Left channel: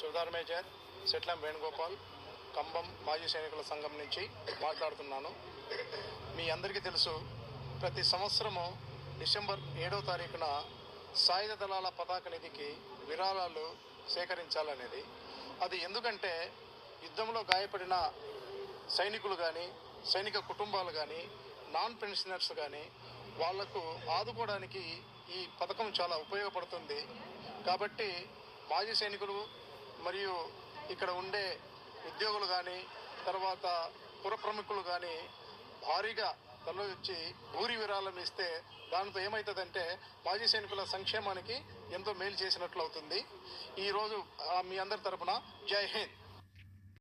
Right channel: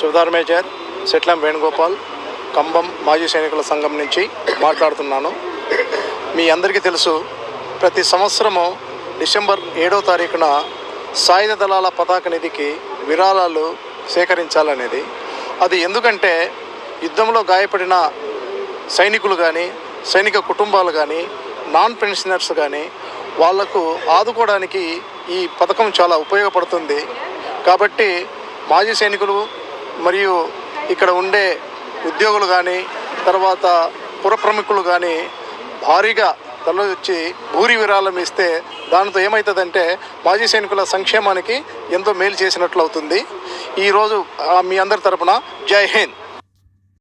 Sudhar major సెట్లం Venugopal కంబం మాజీ సైనికుల సంఘం నుంచి మాట్లాడుతున్నాను. మీ అందరికీ తెలుసు, ప్రతి సంవత్సరము డిసెంబర్ 7వ తారీఖున సాయుధ దళాల పతాక నిధికి విరాళాలు సేకరించాలనేది. అది ఎందుకంటే యుద్ధంలో గాయపడిన సైనికులు కానీ, సైనిక కుటుంబాలు కానీ, నాన్ పెన్షనర్స్ కానీ వాళ్లకు ఆదుకోవడానికి ఈ పథకం చాలా ఉపయోగపడుతుంది. కాబట్టి మాజీ సైనికులు మరియు ఇక్కడ ఉండే ఉద్యోగులు కానీ, తర్వాత పుర ప్రముఖులు కానీ భారీగా తరలివచ్చి భూరి విరాళం ఇస్తే దానితో ఏమవుతుందంటే మాజీ సైనికుల సంక్షేమానికి ఎంతో మేలు చేసినట్లు అవుతుంది. ఈరోజు మీ అందరి తరపున జై హింద్.